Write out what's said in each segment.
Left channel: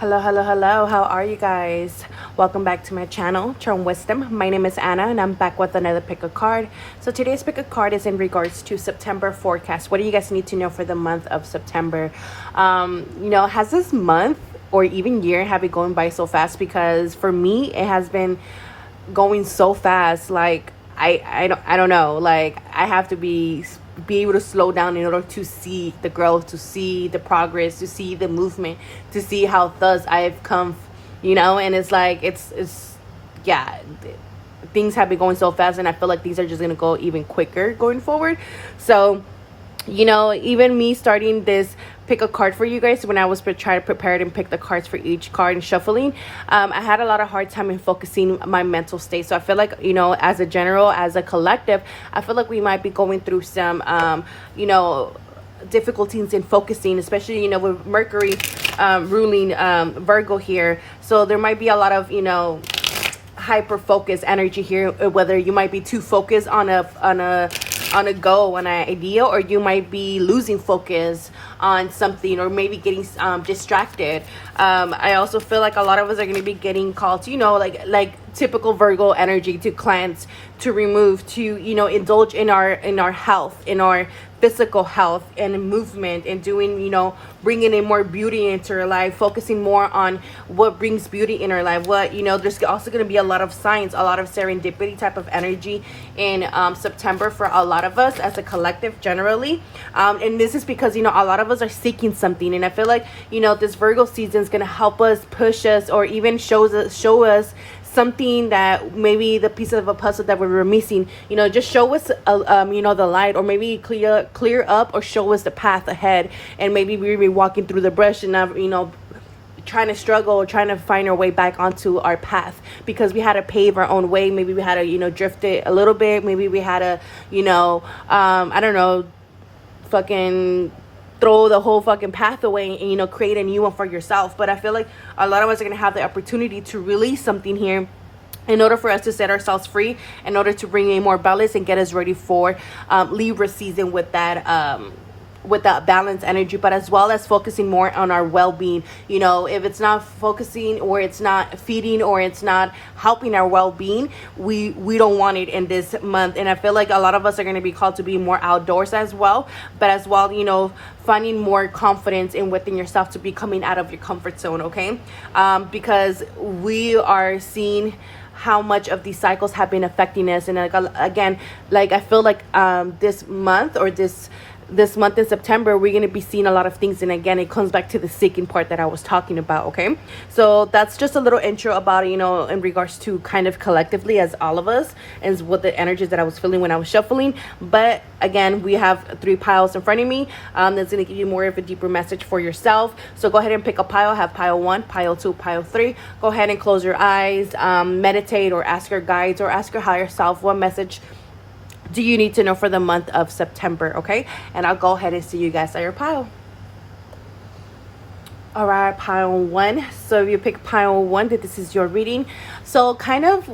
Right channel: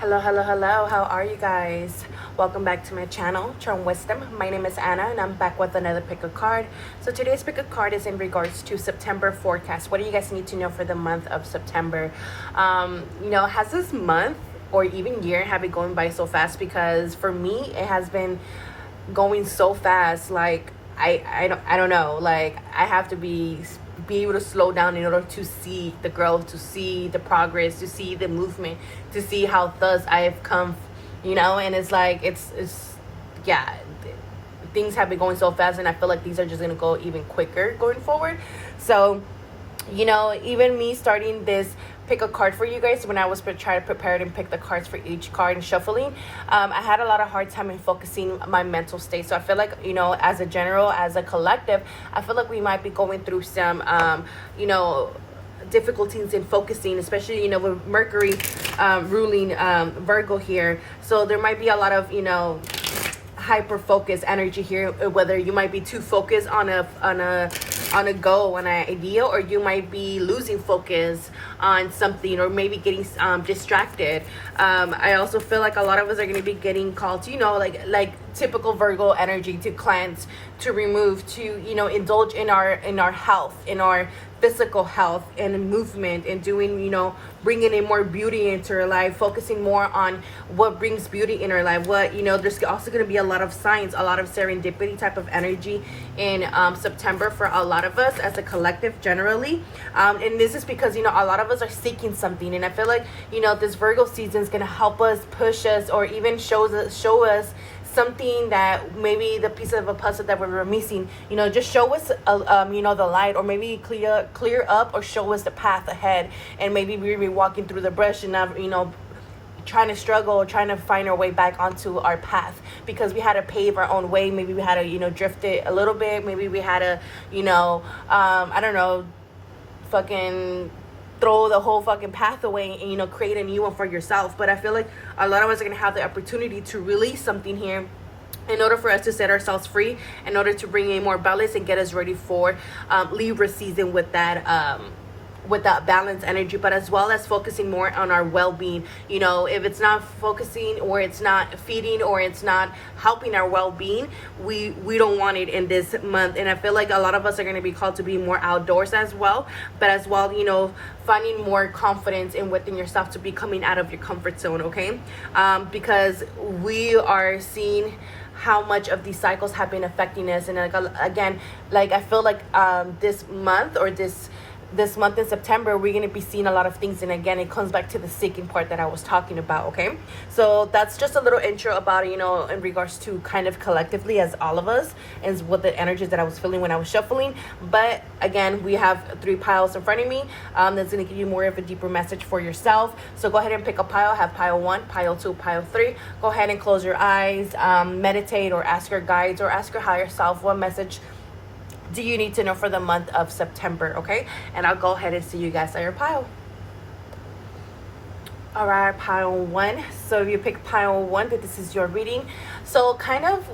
Hello, hello, hello. How are you guys? Welcome back to my channel, Charmedwisdom Wisdom. My name is Anna and I'm back with another pick a card. So today's pick a card is in regards to September forecast. What do you guys need to know for the month of September? Has this month or even year have been going by so fast? Because for me, it has been going so fast. Like I don't know. Like I have to be able to slow down in order to see the growth, to see the progress, to see the movement, to see how thus I've come, and it's like it's yeah, things have been going so fast, and I feel like these are just gonna go even quicker going forward. So even me starting this pick a card for you guys, when I was trying to prepare it and pick the cards for each card and shuffling, I had a lot of hard time in focusing my mental state. So I feel like, as a general, as a collective, I feel like we might be going through some, difficulties in focusing, especially, with Mercury ruling Virgo here. So there might be a lot of, hyper focus energy here, whether you might be too focused on a goal, on an idea, or you might be losing focus on something, or maybe getting distracted. I also feel like a lot of us are going to be getting called to, like typical Virgo energy, to cleanse, to remove, to indulge in our health, in our physical health and movement, and doing, bringing in more beauty into our life, focusing more on what brings beauty in our life. There's also going to be a lot of signs, a lot of serendipity type of energy in September for a lot of us as a collective generally. And this is because, a lot of us are seeking something. And I feel like, this Virgo season is going to help us, push us, or even show us something that maybe the piece of a puzzle that we were missing, just show us the light, or maybe clear up, or show us the path ahead. And maybe we were walking through the brush and not trying to struggle, or trying to find our way back onto our path, because we had to pave our own way. Maybe we had to drift it a little bit. Maybe we had to I don't know, fucking throw the whole fucking path away and create a new one for yourself. But I feel like a lot of us are going to have the opportunity to release something here in order for us to set ourselves free, in order to bring in more balance and get us ready for Libra season with that balanced energy, but as well as focusing more on our well-being. If it's not focusing, or it's not feeding, or it's not helping our well-being, we don't want it in this month. And I feel like a lot of us are going to be called to be more outdoors as well, but as well, finding more confidence in within yourself, to be coming out of your comfort zone. Okay, because we are seeing how much of these cycles have been affecting us. And again, I feel like this month, or this month in September, we're going to be seeing a lot of things. And again, it comes back to the seeking part that I was talking about. Okay, so that's just a little intro about it, in regards to kind of collectively as all of us, and what the energies that I was feeling when I was shuffling. But again, we have 3 piles in front of me. That's going to give you more of a deeper message for yourself. So go ahead and pick a pile. Have pile 1, pile 2, pile 3. Go ahead and close your eyes, meditate, or ask your guides, or ask your higher self, what message do you need to know for the month of September? Okay, and I'll go ahead and see you guys at your pile. All right, pile 1. So if you pick pile 1, that this is your reading. So kind of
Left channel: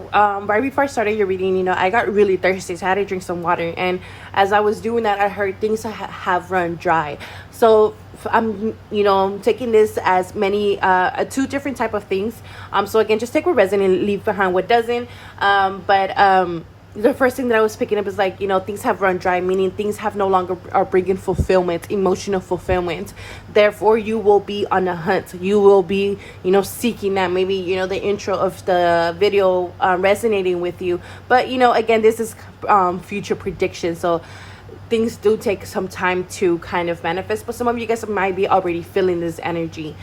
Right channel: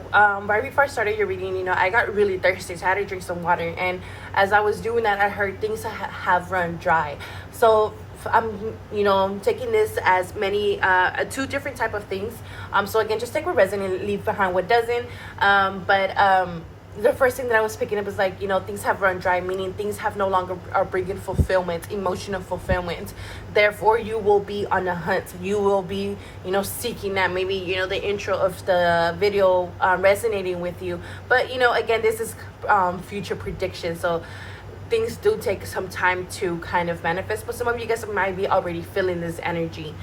right before I started your reading, I got really thirsty, so I had to drink some water. And as I was doing that, I heard things have run dry. So I'm taking this as many 2 different type of things. So again, just take what resonates and leave behind what doesn't. The first thing that I was picking up is things have run dry, meaning things have no longer are bringing fulfillment, emotional fulfillment. Therefore, you will be on a hunt. You will be, seeking that. Maybe, the intro of the video resonating with you. But, again, this is future prediction. So things do take some time to kind of manifest. But some of you guys might be already feeling this energy.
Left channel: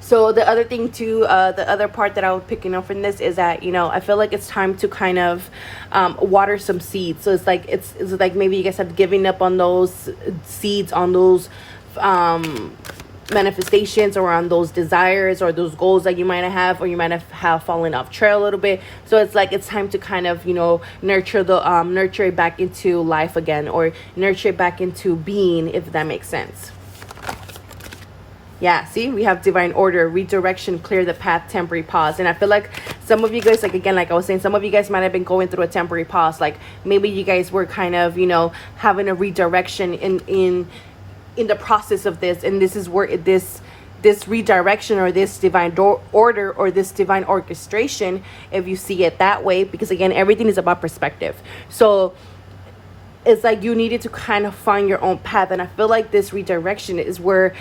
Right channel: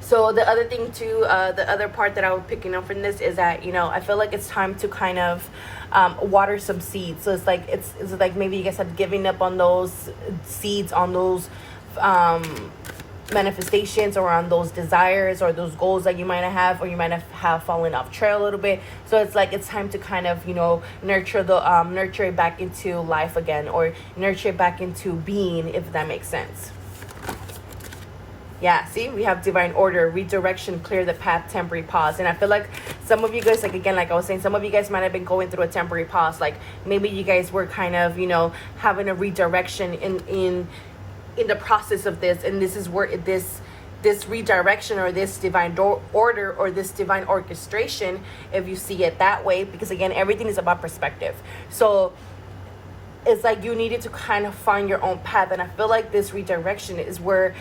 So the other thing too, the other part that I was picking up from this is that, I feel like it's time to kind of water some seeds. So it's like maybe you guys have given up on those seeds, on those manifestations, or on those desires, or those goals that you might have, or you might have fallen off trail a little bit. So it's time to kind of nurture it back into life again, or nurture it back into being, if that makes sense. Yeah, see, we have divine order, redirection, clear the path, temporary pause. And I feel like some of you guys, like I was saying, some of you guys might have been going through a temporary pause. Like maybe you guys were kind of, having a redirection in the process of this. And this is where this this redirection or this divine order or this divine orchestration, if you see it that way, because again, everything is about perspective. So it's like you needed to kind of find your own path. And I feel like this redirection is where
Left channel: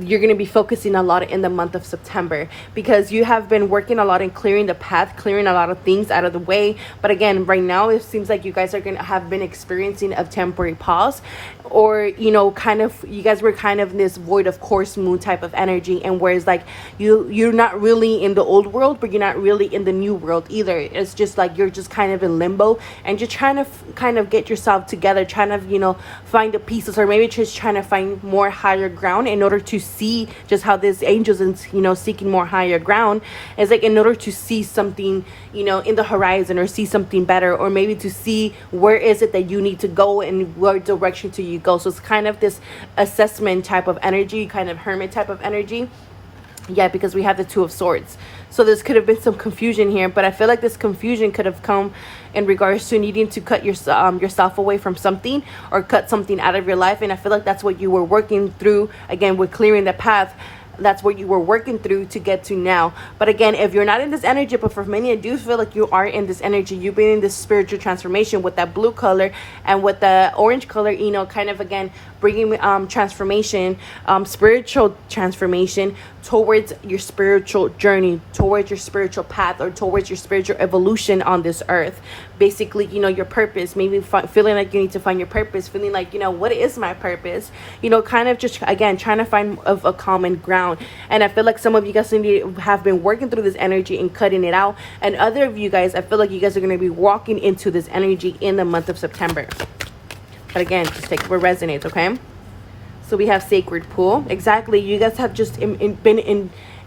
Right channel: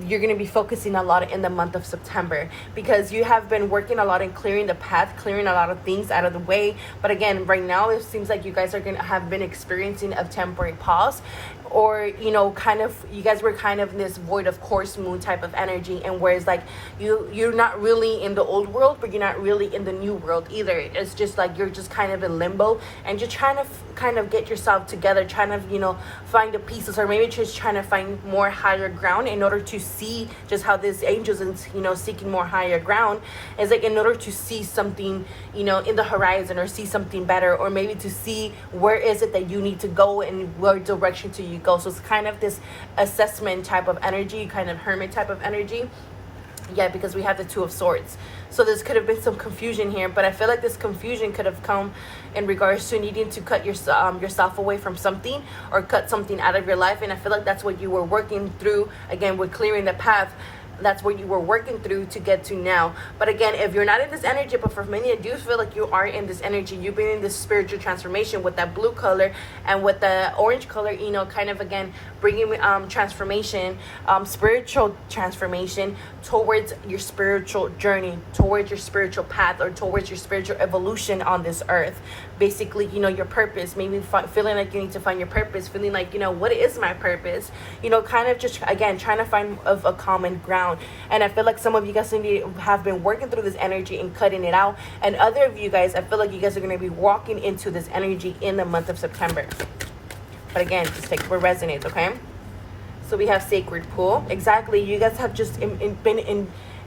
you're going to be focusing a lot in the month of September, because you have been working a lot in clearing the path, clearing a lot of things out of the way. But again, right now it seems like you guys are going to have been experiencing a temporary pause, or you know, kind of, you guys were kind of in this void of course moon type of energy, and whereas like you're not really in the old world, but you're not really in the new world either. It's just like you're just kind of in limbo, and you're trying to kind of get yourself together, trying to, you know, find the pieces, or maybe just trying to find more higher ground in order to see just how this angels and, you know, seeking more higher ground is like, in order to see something, you know, in the horizon, or see something better, or maybe to see where is it that you need to go and what direction do you go. So it's kind of this assessment type of energy, kind of hermit type of energy. Yeah, because we have the Two of Swords. So this could have been some confusion here, but I feel like this confusion could have come in regards to needing to cut yourself away from something, or cut something out of your life. And I feel like that's what you were working through, again, with clearing the path. That's what you were working through to get to now. But again, if you're not in this energy, but for many, I do feel like you are in this energy. You've been in this spiritual transformation with that blue color and with the orange color, you know, kind of again bringing transformation, spiritual transformation towards your spiritual journey, towards your spiritual path, or towards your spiritual evolution on this earth. Basically, you know, your purpose, maybe feeling like you need to find your purpose, feeling like, you know, what is my purpose, you know, kind of just again trying to find a common ground. And I feel like some of you guys have been working through this energy and cutting it out, and other of you guys, I feel like you guys are going to be walking into this energy in the month of September. But again, just take what resonates, okay? So we have sacred pool. Exactly, you guys have just been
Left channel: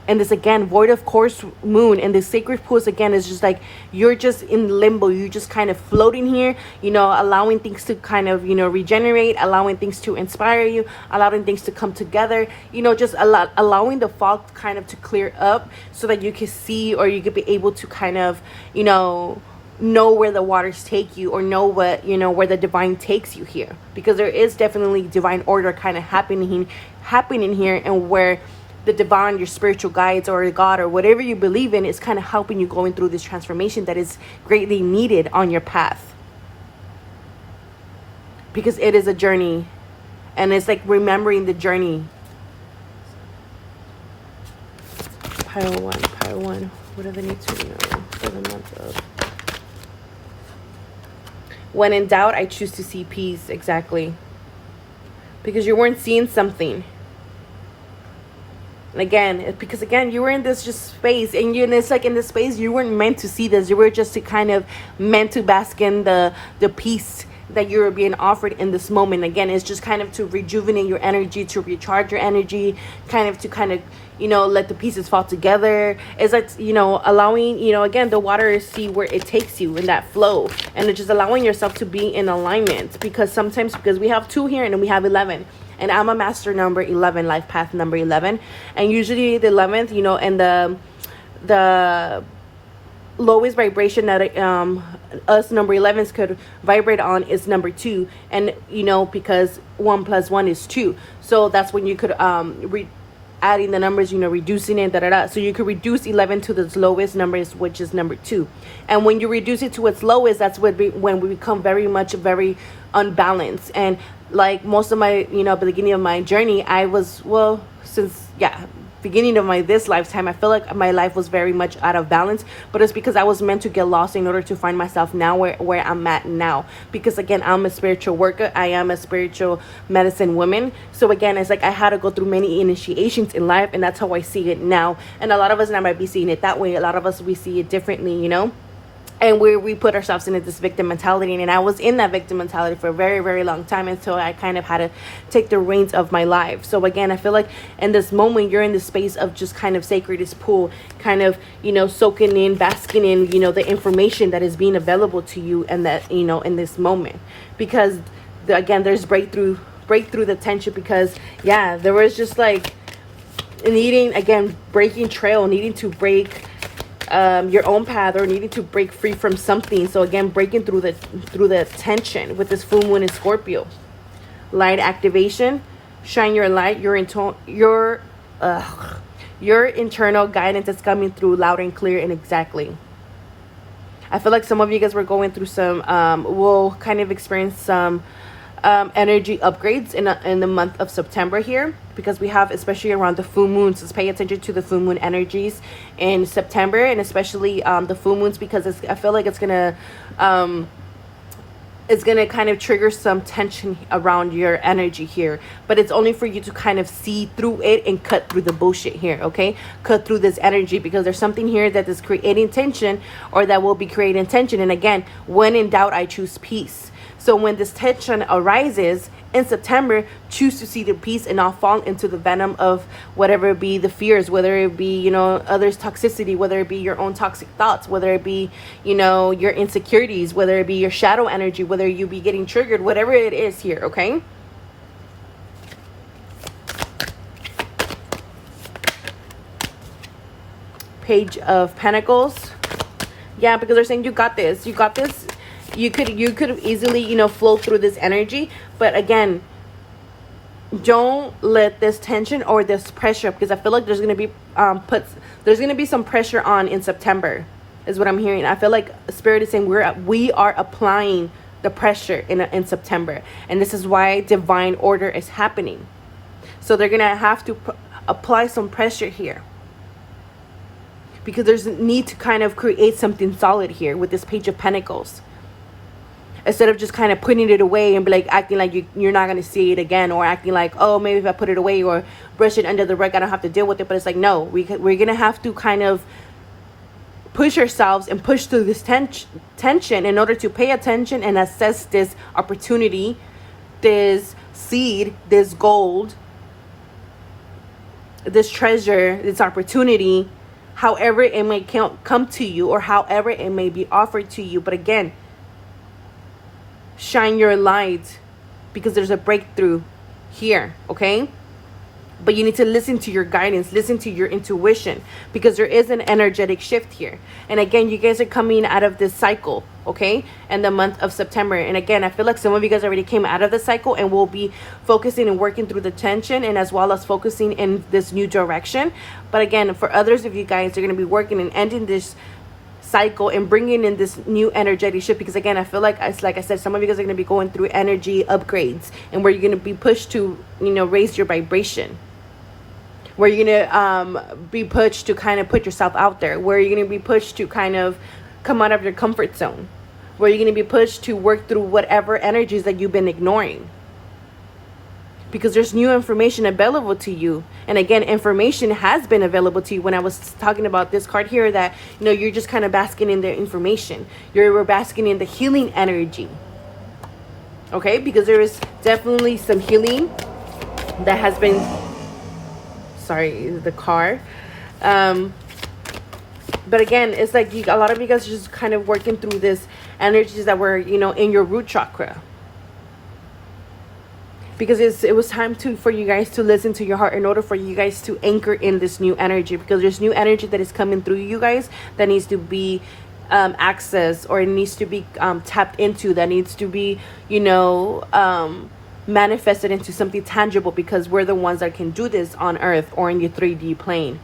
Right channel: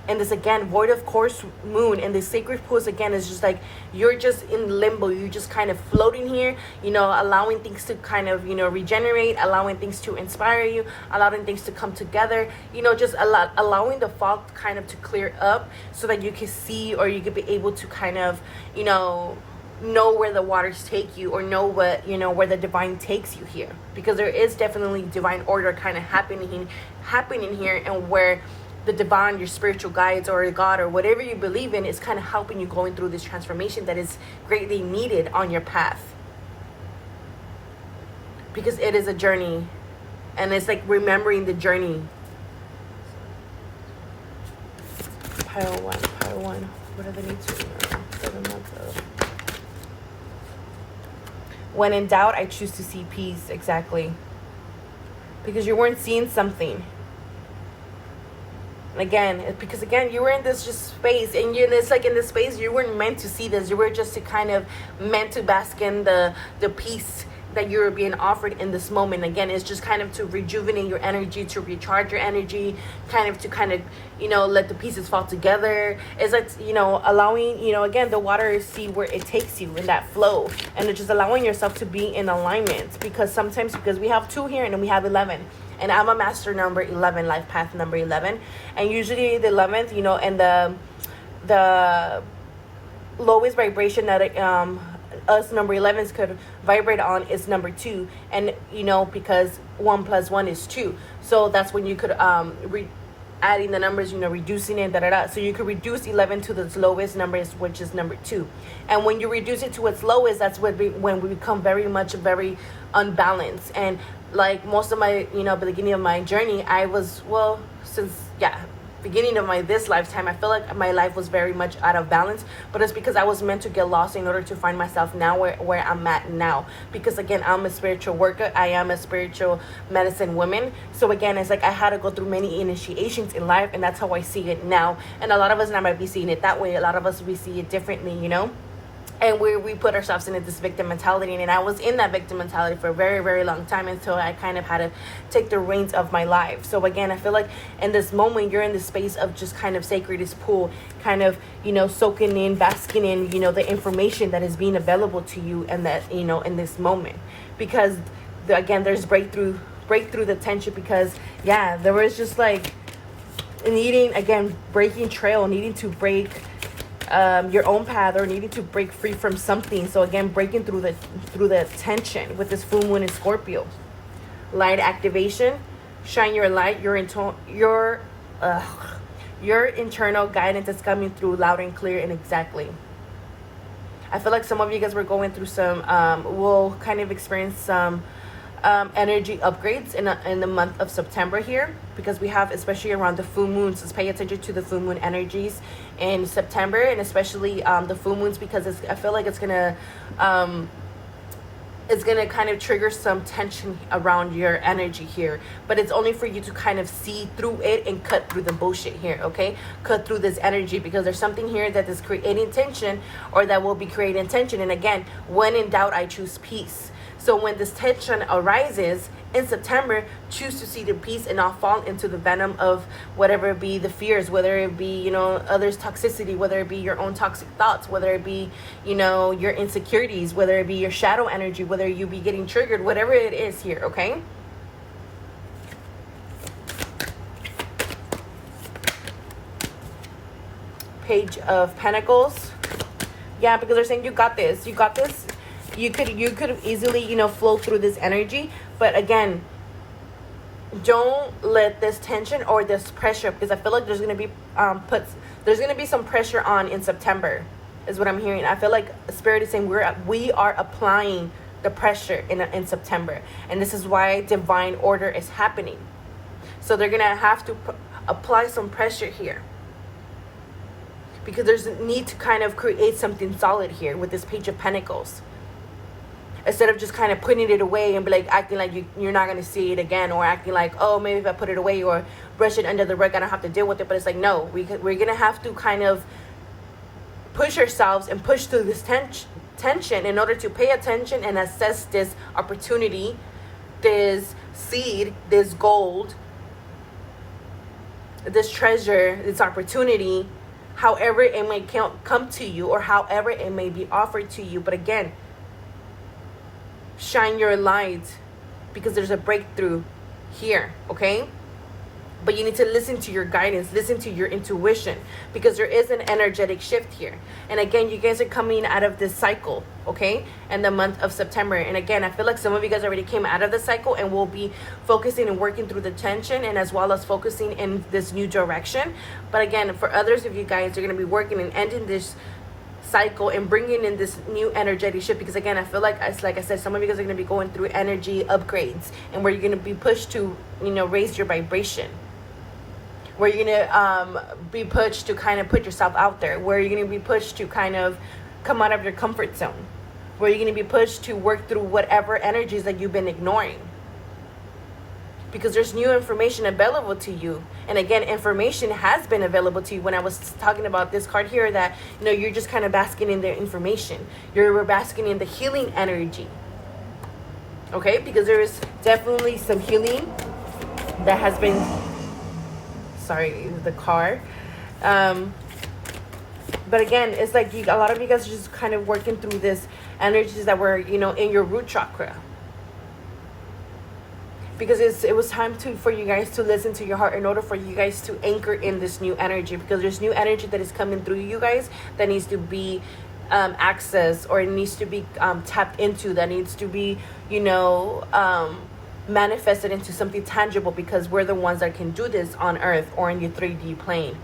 in this, again, void of course moon, and the sacred pools again is just like you're just in limbo. You're just kind of floating here, you know, allowing things to kind of, you know, regenerate, allowing things to inspire you, allowing things to come together, you know, just allowing the fog kind of to clear up, so that you can see, or you could be able to kind of, you know where the waters take you, or know what, you know, where the divine takes you here, because there is definitely divine order kind of happening here, and where the divine, your spiritual guides, or God, or whatever you believe in, is kind of helping you going through this transformation that is greatly needed on your path, because it is a journey, and it's like remembering the journey. Pile one. What do they need to remember for the month of? When in doubt, I choose to see peace. Exactly, because you weren't seeing something. And again, because again, you were in this just space, and it's like in this space you weren't meant to see this. You were just to kind of meant to bask in the peace that you're being offered in this moment. Again, it's just kind of to rejuvenate your energy, to recharge your energy, kind of you know, let the pieces fall together. It's like, you know, allowing, you know, again, the water, see where it takes you in that flow, and it's just allowing yourself to be in alignment, because sometimes, because we have 2 here and then we have 11, and I'm a master number 11, life path number 11, and usually the 11th, you know, and the lowest vibration that us number 11s could vibrate on is number 2, and you know, because 1 + 1 is 2, so that's when you could adding the numbers, you know, reducing it, so you could reduce 11 to its lowest numbers, which is number 2, and when you reduce it to its lowest, that's when we become very unbalanced. And like most of my, you know, beginning of my journey, I was, well, since beginning of this lifetime, I feel like my life was very much out of balance, but it's because I was meant to get lost in order to find myself now where I'm at now. Because again, I'm a spiritual worker, I am a spiritual medicine woman, so again, it's like I had to go through many initiations in life, and that's how I see it now. And a lot of us, and I might be seeing it that way, a lot of us, we see it differently, you know, and we put ourselves into this victim mentality. And I was in that victim mentality for a very long time, until I kind of had to take the reins of my life. So again, I feel like in this moment, you're in the space of just kind of sacred pool, kind of, you know, soaking in, basking in, you know, the information that is being available to you, and that, you know, in this moment, because again, there's breakthrough the tension, because there was just like needing, again, breaking trail, needing to break your own path, or needing to break free from something. So again, breaking through the tension with this full moon in Scorpio. Light activation, shine your light. Your Your internal guidance is coming through loud and clear and exactly. I feel like some of you guys were going through some, will kind of experience some energy upgrades in the month of September here, because we have, especially around the full moons, let's pay attention to the full moon energies in September, and especially the full moons, because I feel like it's gonna kind of trigger some tension around your energy here, but it's only for you to kind of see through it and cut through the bullshit here, okay? Cut through this energy, because there's something here that is creating tension, or that will be creating tension. And again, when in doubt, I choose peace. So when this tension arises in September, choose to see the peace and not fall into the venom of whatever it be the fears, whether it be, you know, others' toxicity, whether it be your own toxic thoughts, whether it be, you know, your insecurities, whether it be your shadow energy, whether you be getting triggered, whatever it is here, okay? Page of Pentacles. Yeah, because they're saying you got this. You got this. You could have easily, you know, flow through this energy, but again, don't let this tension or this pressure, because I feel like there's gonna be there's gonna be some pressure on in September, is what I'm hearing. I feel like Spirit is saying we are applying the pressure in September, and this is why divine order is happening. So they're gonna have to apply some pressure here, because there's a need to kind of create something solid here with this Page of Pentacles. Instead of just kind of putting it away and be like acting like you're not going to see it again, or acting like, oh, maybe if I put it away or brush it under the rug, I don't have to deal with it. But it's like, no, we're going to have to kind of push ourselves and push through this tension in order to pay attention and assess this opportunity, this seed, this gold, this treasure, this opportunity, however it may come to you, or however it may be offered to you. But again, shine your light, because there's a breakthrough here, okay? But you need to listen to your guidance, listen to your intuition, because there is an energetic shift here. And again, you guys are coming out of this cycle, okay, in the month of September. And again, I feel like some of you guys already came out of the cycle and will be focusing and working through the tension, and as well as focusing in this new direction. But again, for others of you guys, you're going to be working and ending this cycle and bringing in this new energetic shift, because again, I feel like, it's like I said, some of you guys are going to be going through energy upgrades, and where you're going to be pushed to, you know, raise your vibration, where you're going to be pushed to kind of put yourself out there, where you're going to be pushed to kind of come out of your comfort zone, where you're going to be pushed to work through whatever energies that you've been ignoring, because there's new information available to you. And again, information has been available to you. When I was talking about this card here, that, you know, you're just kind of basking in the information, you're basking in the healing energy, okay? Because there is definitely some healing that has been, sorry, the car, but again, it's like a lot of you guys are just kind of working through this energies that were, you know, in your root chakra, because it was time for you guys to listen to your heart in order for you guys to anchor in this new energy, because there's new energy that is coming through you guys that needs to be accessed, or it needs to be tapped into, that needs to be, you know, manifested into something tangible, because we're the ones that can do this on earth or in the 3D plane.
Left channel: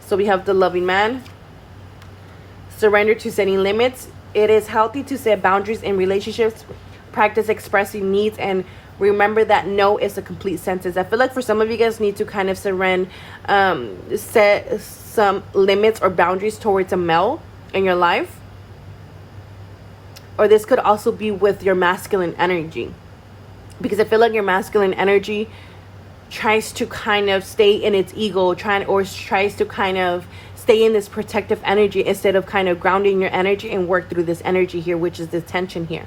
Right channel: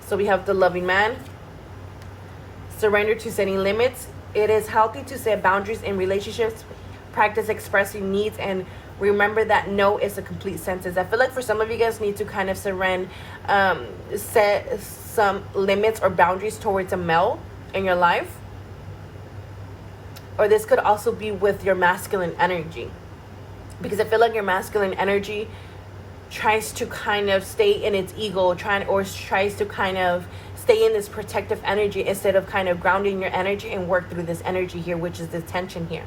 So we have the loving man. Surrender to setting limits. It is healthy to set boundaries in relationships. Practice expressing needs, and remember that no is a complete sentence. I feel like for some of you guys need to kind of surrender, set some limits or boundaries towards a male in your life. Or this could also be with your masculine energy, because I feel like your masculine energy tries to kind of stay in its ego, tries to kind of stay in this protective energy, instead of kind of grounding your energy and work through this energy here, which is the tension here.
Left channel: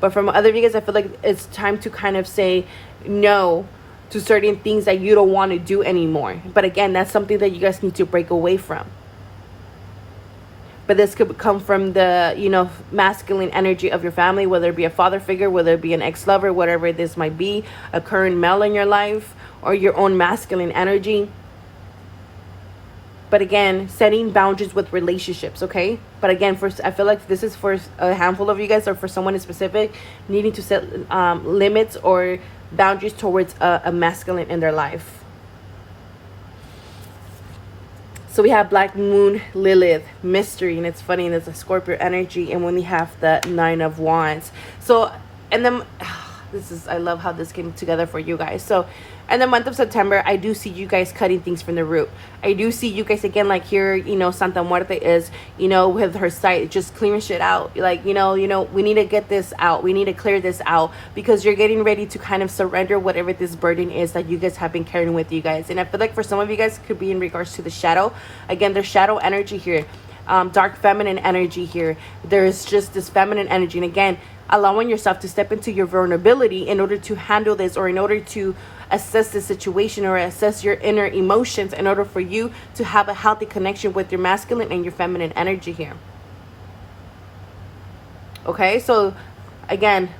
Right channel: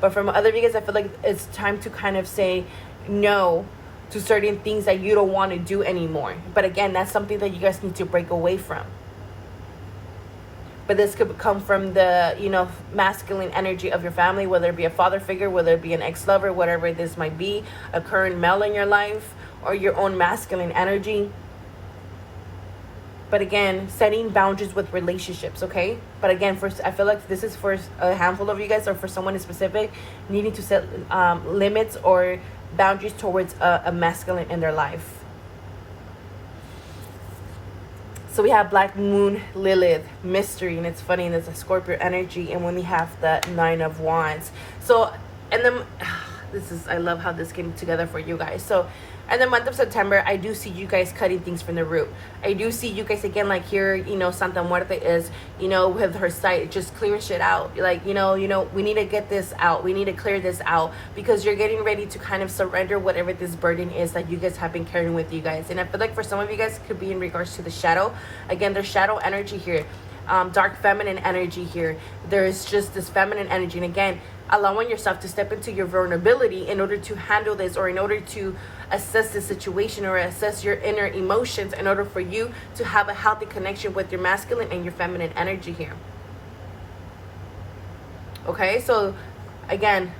But from other of you guys, I feel like it's time to kind of say no to certain things that you don't want to do anymore. But again, that's something that you guys need to break away from. But this could come from the, you know, masculine energy of your family, whether it be a father figure, whether it be an ex-lover, whatever this might be, a current male in your life, or your own masculine energy. But again, setting boundaries with relationships, okay? But again, I feel like this is for a handful of you guys, or for someone in specific, needing to set limits or boundaries towards a masculine in their life. So we have Black Moon, Lilith, mystery, and it's funny, and there's a Scorpio energy, and when we have the Nine of Wands. So, and then I love how this came together for you guys. So in the month of September, I do see you guys cutting things from the root. I do see you guys, again, like here, you know, Santa Muerte is, you know, with her sight, just clearing shit out. Like, you know, we need to get this out. We need to clear this out, because you're getting ready to kind of surrender whatever this burden is that you guys have been carrying with you guys. And I feel like for some of you guys, it could be in regards to the shadow. Again, there's shadow energy here. Dark feminine energy here. There's just this feminine energy. And again, allowing yourself to step into your vulnerability in order to handle this, or in order to assess the situation, or assess your inner emotions, in order for you to have a healthy connection with your masculine and your feminine energy here. Okay, so again,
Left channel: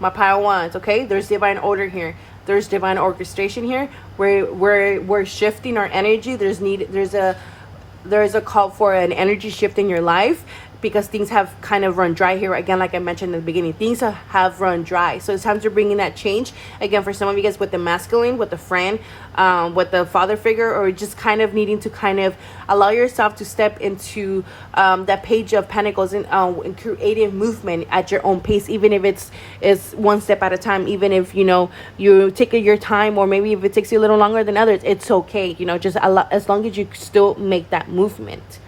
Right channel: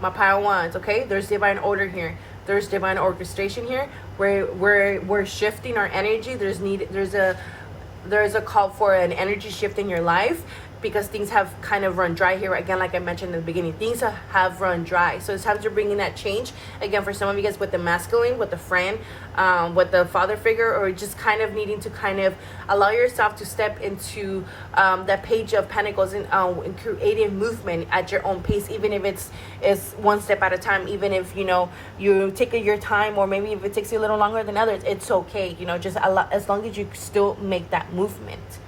my pile wands, okay, there's divine order here. There's divine orchestration here. We're shifting our energy. There's a call for an energy shift in your life, because things have kind of run dry here. Again, like I mentioned in the beginning, things have run dry. So it's time to bring in that change. Again, for some of you guys with the masculine, with the friend, with the father figure, or just kind of needing to kind of allow yourself to step into that page of pentacles and creative movement at your own pace, even if it's one step at a time, even if, you know, you take your time, or maybe if it takes you a little longer than others, it's okay. You know, just as long as you still make that movement.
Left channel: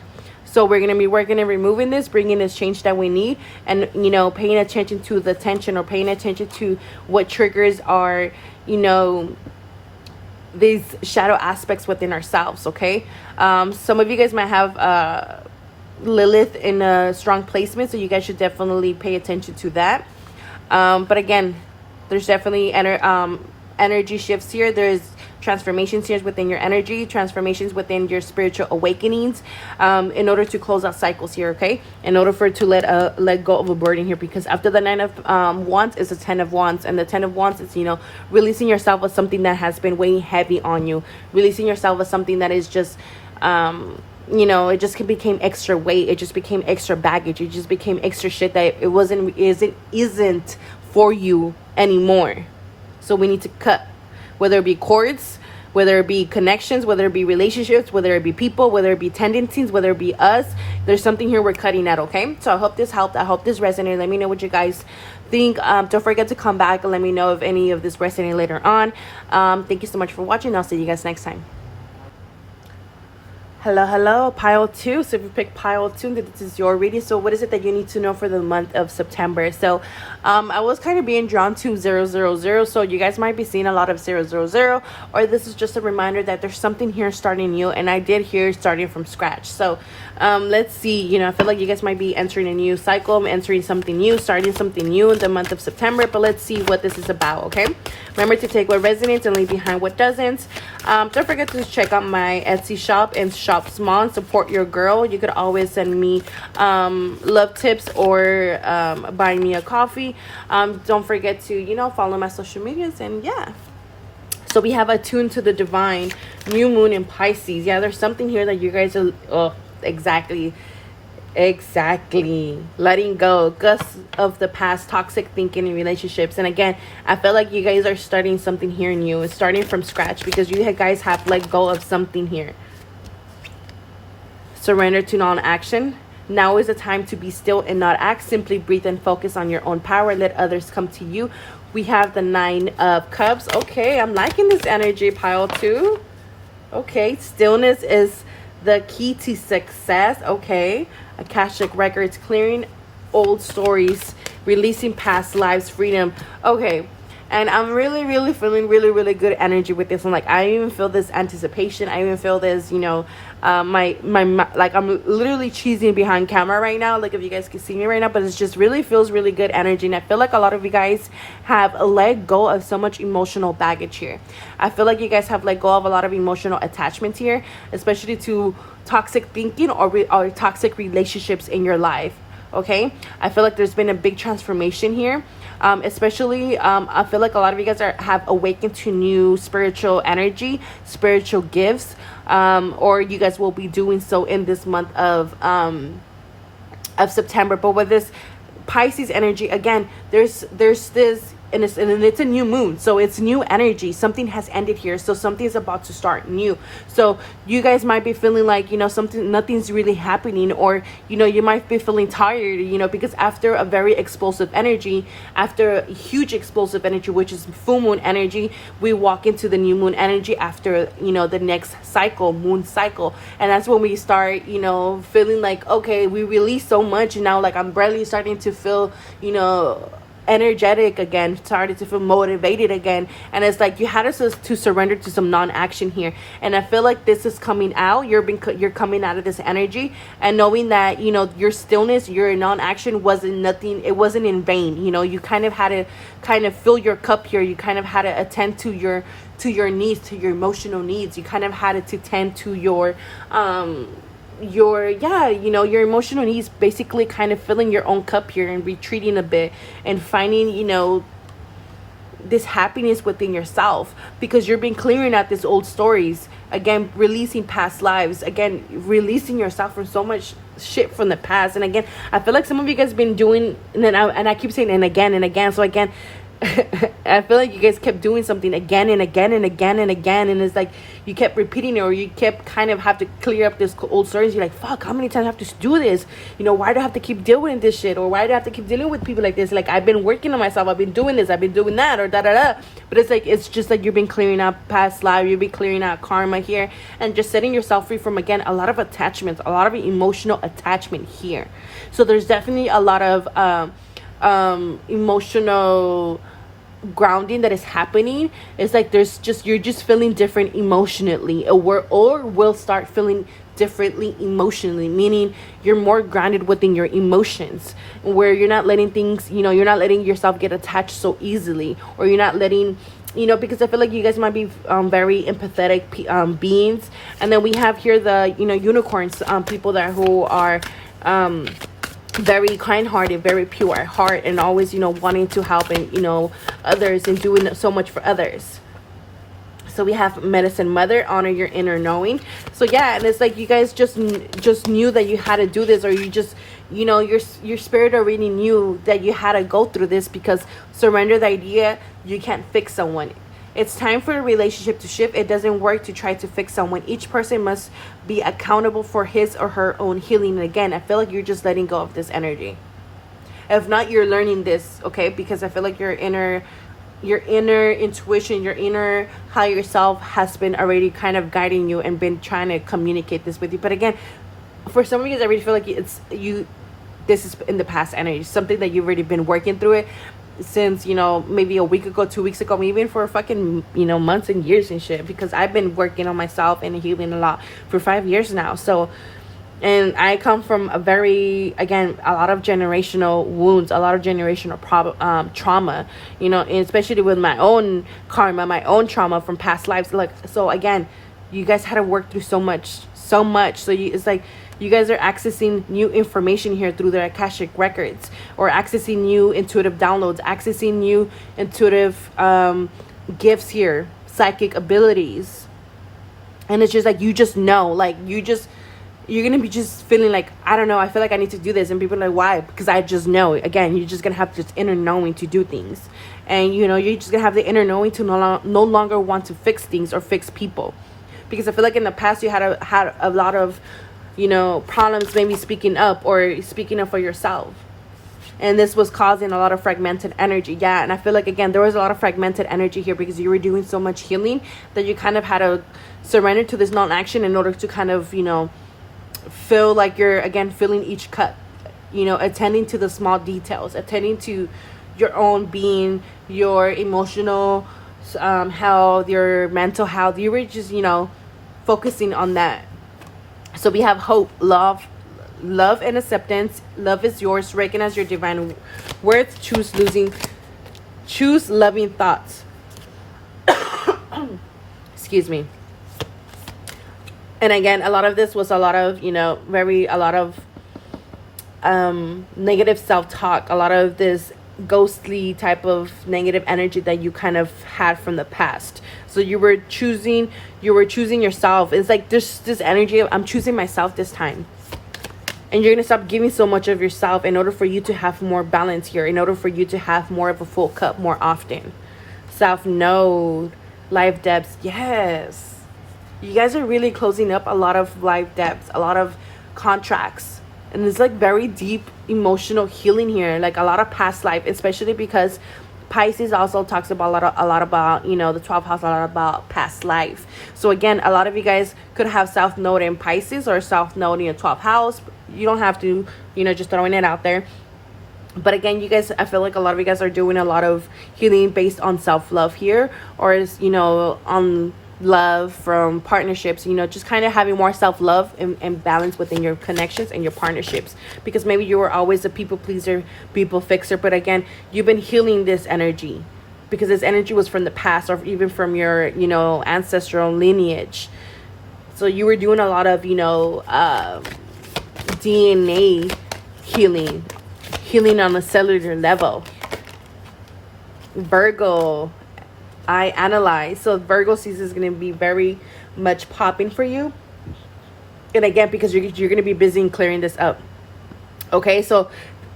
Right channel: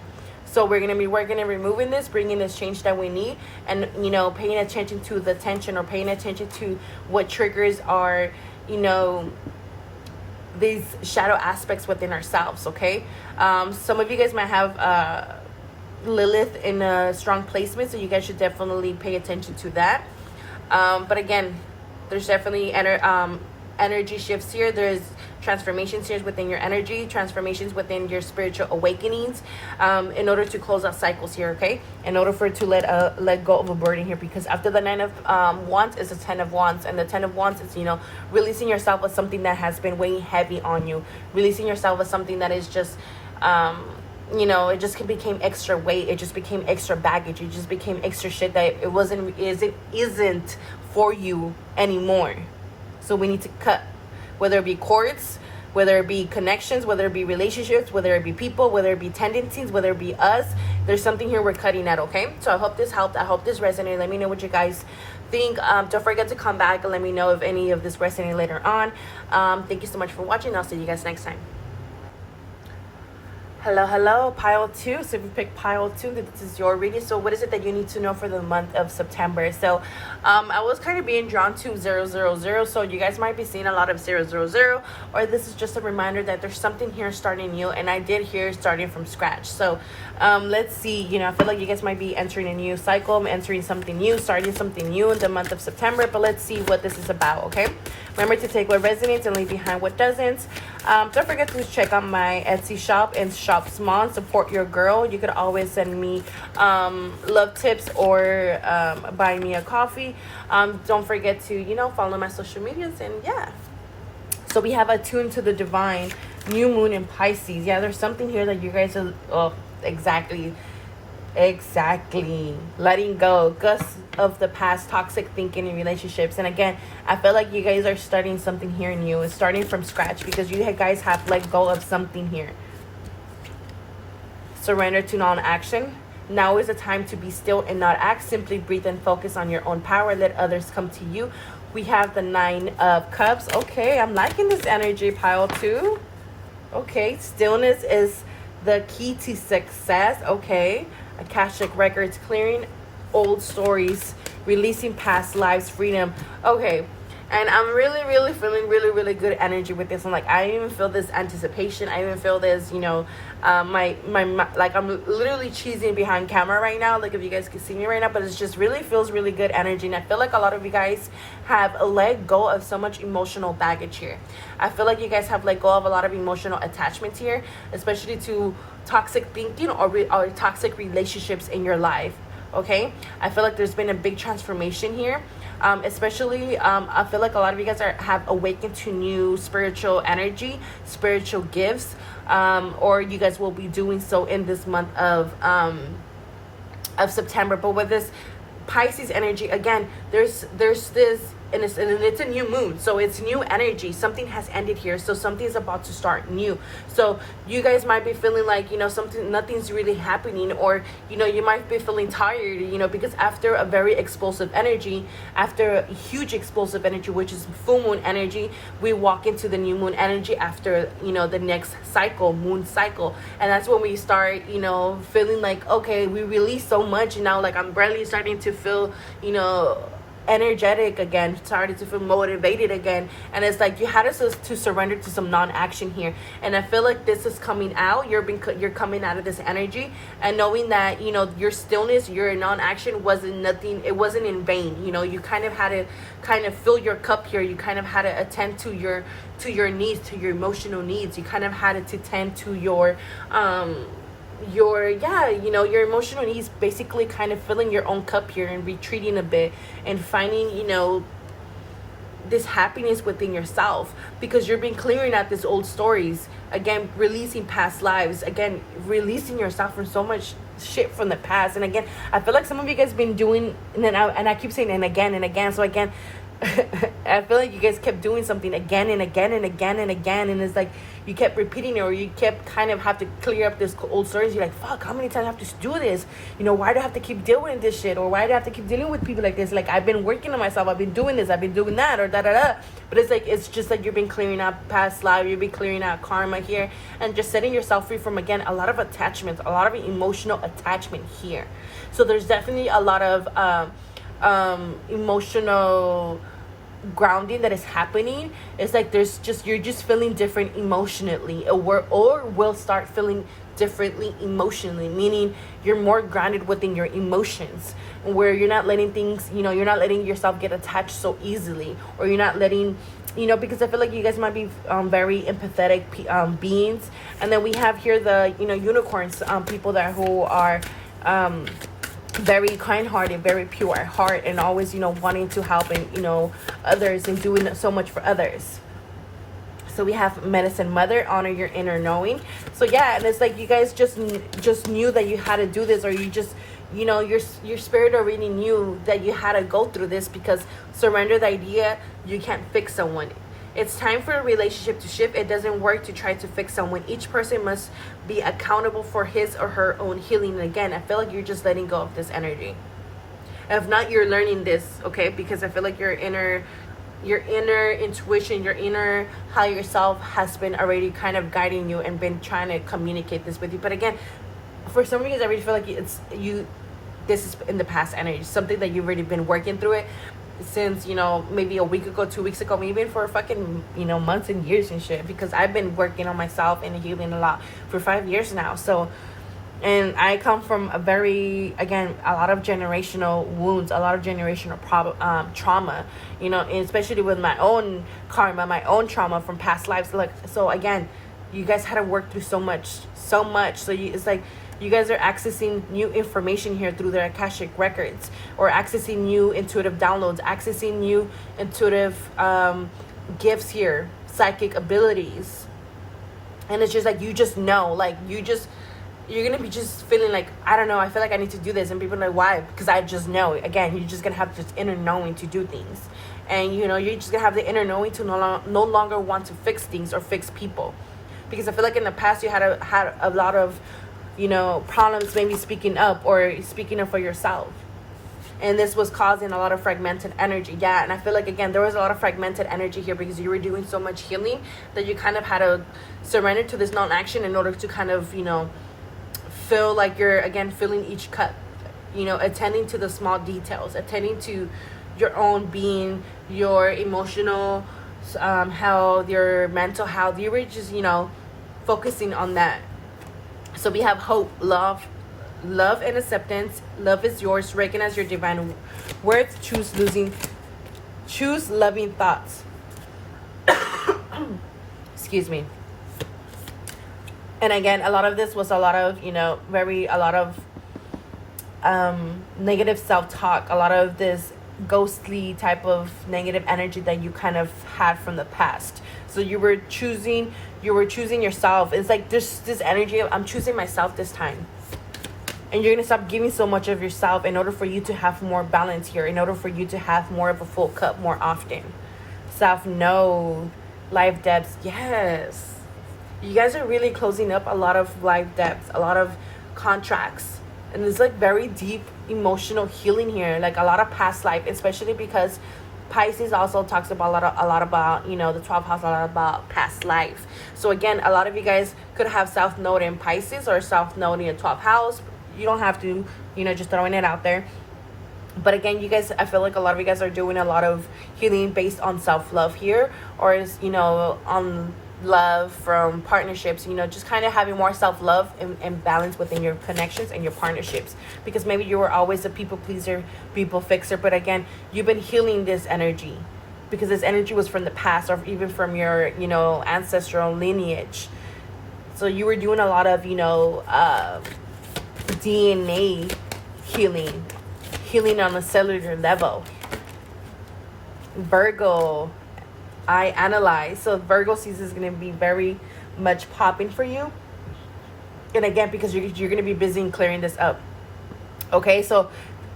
So we're going to be working and removing this, bringing this change that we need, and, you know, paying attention to the tension, or paying attention to what triggers are, you know, these shadow aspects within ourselves, okay? Some of you guys might have Lilith in a strong placement, so you guys should definitely pay attention to that. But again, there's definitely energy shifts here. There's transformations here within your energy, transformations within your spiritual awakenings, in order to close out cycles here, okay? In order for it to let go of a burden here, because after the Nine of Wands is the Ten of Wands, and the Ten of Wands is, you know, releasing yourself of something that has been weighing heavy on you, releasing yourself of something that is just you know, it just became extra weight, it just became extra baggage, it just became extra shit that it isn't for you anymore. So we need to cut, whether it be cords, whether it be connections, whether it be relationships, whether it be people, whether it be tendencies, whether it be us. There's something here we're cutting at, okay? So I hope this helped. I hope this resonated. Let me know what you guys think. Don't forget to come back and let me know if any of this resonated later on. Thank you so much for watching. I'll see you guys next time. Hello, pile 2. So if you pick pile 2, this is your reading. So what is it that you need to know for the month of September? So I was kind of being drawn to 000. So you guys might be seeing a lot of 000, or this is just a reminder that there's something here starting new, and I did hear starting from scratch. So let's see, you know, I feel like you guys might be entering a new cycle, entering something new, starting something new in the month of September. But let's see what this is about, okay? Remember to take what resonates and leave behind what doesn't. Don't forget to check out my Etsy shop and shop small and support your girl. You could always send me love tips, or buy me a coffee. Don't forget to, you know, follow my social medias, and yeah. So we have attuned to the divine, new moon in Pisces. Yeah, there's something here that you guys are exactly letting go of the past toxic thinking in relationships. And again, I feel like you guys are starting something here new. It's starting from scratch, because you guys have let go of something here. Surrender to non-action. Now is the time to be still and not act. Simply breathe and focus on your own power. Let others come to you. We have the Nine of Cups. Okay, I'm liking this energy, pile 2. Okay, stillness is the key to success. Okay, Akashic records, clearing old stories, releasing past lives, freedom. Okay, and I'm really feeling really good energy with this one. Like, I even feel this anticipation. I even feel this, you know, my like, I'm literally cheesing behind camera right now, like if you guys can see me right now, but it just really feels really good energy. And I feel like a lot of you guys have let go of so much emotional baggage here. I feel like you guys have let go of a lot of emotional attachments here, especially to toxic thinking or toxic relationships in your life. Okay, I feel like there's been a big transformation here. Especially I feel like a lot of you guys have awakened to new spiritual energy, spiritual gifts, or you guys will be doing so in this month of September. But with this Pisces energy, again, there's this and it's a new moon, so it's new energy. Something has ended here, so something's about to start new. So you guys might be feeling like, nothing's really happening, or you might be feeling tired, because after a very explosive energy, after a huge explosive energy, which is full moon energy, we walk into the new moon energy after the next cycle, moon cycle. And that's when we start feeling like, okay, we release so much, and now like I'm barely starting to feel energetic again, started to feel motivated again. And it's like you had us to surrender to some non-action here, and I feel like this is coming out. You're coming out of this energy and knowing that your stillness, your non-action wasn't nothing, it wasn't in vain. You kind of had to fill your cup here. You kind of had to attend to your needs, to your emotional needs. You kind of had to tend to your emotional needs, basically kind of filling your own cup here and retreating a bit and finding this happiness within yourself, because you've been clearing out these old stories, again releasing past lives, again releasing yourself from so much shit from the past. And again, I feel like some of you guys been doing, and I keep saying and again, so again I feel like you guys kept doing something again and again and again and again, and it's like you kept repeating it, or you kept kind of have to clear up this old stories. You're like, fuck, how many times I have to do this? Why do I have to keep dealing with this shit? Or why do I have to keep dealing with people like this? Like, I've been working on myself, I've been doing this, I've been doing that, or da-da-da. But it's just like you've been clearing out past life, you've been clearing out karma here, and just setting yourself free from, again, a lot of attachments, a lot of emotional attachment here. So there's definitely a lot of emotional grounding that is happening. It's like you're just feeling different emotionally, or will start feeling differently emotionally, meaning you're more grounded within your emotions, where you're not letting things, you're not letting yourself get attached so easily, or you're not letting, because I feel like you guys might be very empathetic beings. And then we have here the unicorns, people who are very kind-hearted, very pure at heart, and always wanting to help and others, and doing so much for others. So we have medicine mother, honor your inner knowing. So yeah, and it's like you guys just knew that you had to do this, or you just your spirit already knew that you had to go through this, because surrender the idea you can't fix someone. It's time for a relationship to shift. It doesn't work to try to fix someone. Each person must be accountable for his or her own healing. And again, I feel like you're just letting go of this energy. If not, you're learning this, okay? Because I feel like your inner intuition, your inner higher self has been already kind of guiding you and been trying to communicate this with you. But again, for some of you, I really feel like this is in the past energy, something that you've already been working through it since maybe a week ago, 2 weeks ago, maybe even for fucking months and years and shit, because I've been working on myself and healing a lot for 5 years now. So, and I come from a lot of generational wounds, a lot of generational trauma, and especially with my own karma, my own trauma from past lives. Like, so again, you guys had to work through so much. So it's like you guys are accessing new information here through their Akashic records, or accessing new intuitive downloads, accessing new intuitive gifts here, psychic abilities. And it's just like you just know, like you're gonna be just feeling like, I don't know, I feel like I need to do this. And people are like, why? Because I just know. Again, you're just gonna have this inner knowing to do things, and you're just gonna have the inner knowing to no longer want to fix things or fix people. Because I feel like in the past you had a lot of problems maybe speaking up for yourself, and this was causing a lot of fragmented energy. Yeah, and I feel like, again, there was a lot of fragmented energy here because you were doing so much healing that you kind of had to surrender to this non-action in order to kind of feel like you're, again, filling each cup, attending to the small details, attending to your own being, your emotional health, your mental health. You were just focusing on that. So we have hope, love and acceptance. Love is yours. Recognize your divine worth. Choose loving thoughts. Excuse me. And again, a lot of this was a lot of negative self-talk, a lot of this ghostly type of negative energy that you kind of had from the past. So you were choosing yourself. It's like this energy of, I'm choosing myself this time. And you're going to stop giving so much of yourself in order for you to have more balance here, in order for you to have more of a full cup more often. South Node, life depths. Yes. You guys are really closing up a lot of life depths, a lot of contracts. And there's like very deep emotional healing here, like a lot of past life, especially because Pisces also talks about a lot about, you know, the 12th house, a lot about past life. So again, a lot of you guys could have South Node in Pisces or South Node in your 12th house. You don't have to, you know, just throwing it out there. But again, you guys, I feel like a lot of you guys are doing a lot of healing based on self-love here, or is, you know, on love from partnerships, you know, just kind of having more self-love and balance within your connections and your partnerships, because maybe you were always a people pleaser, people fixer, but again, you've been healing this energy because this energy was from the past or even from your, you know, ancestral lineage. So you were doing a lot of, you know, DNA healing on a cellular level. Virgo, I analyze. So Virgo season is going to be very much popping for you. And again, because you're going to be busy in clearing this up. Okay, so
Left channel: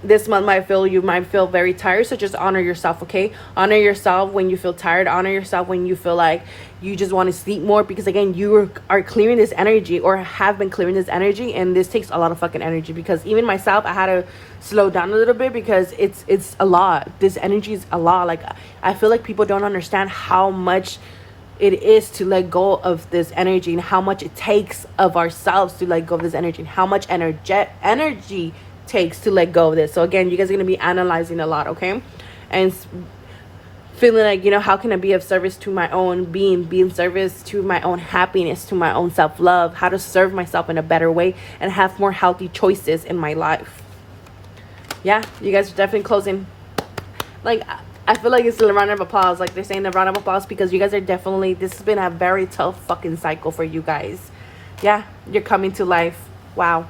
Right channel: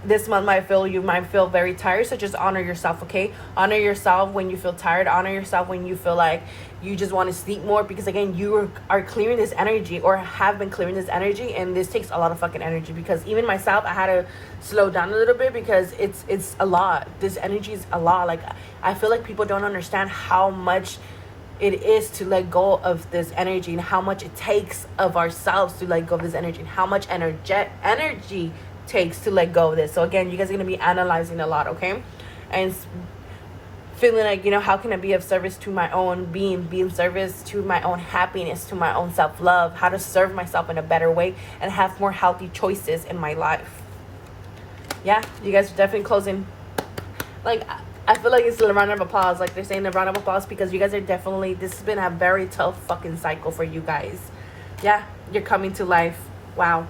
this month you might feel very tired, so just honor yourself. Okay, honor yourself when you feel tired, honor yourself when you feel like you just want to sleep more, because again, you are clearing this energy or have been clearing this energy, and this takes a lot of fucking energy. Because even myself, I had to slow down a little bit because it's a lot. This energy is a lot. Like, I feel like people don't understand how much it is to let go of this energy, and how much it takes of ourselves to let go of this energy, and how much energy takes to let go of this. So again, you guys are going to be analyzing a lot, okay? And feeling like, you know, how can I be of service to my own being, be in service to my own happiness, to my own self-love, how to serve myself in a better way and have more healthy choices in my life. Yeah, you guys are definitely closing. Like, I feel like it's a round of applause. Like, they're saying the round of applause because you guys are definitely, this has been a very tough fucking cycle for you guys. Yeah, you're coming to life. Wow.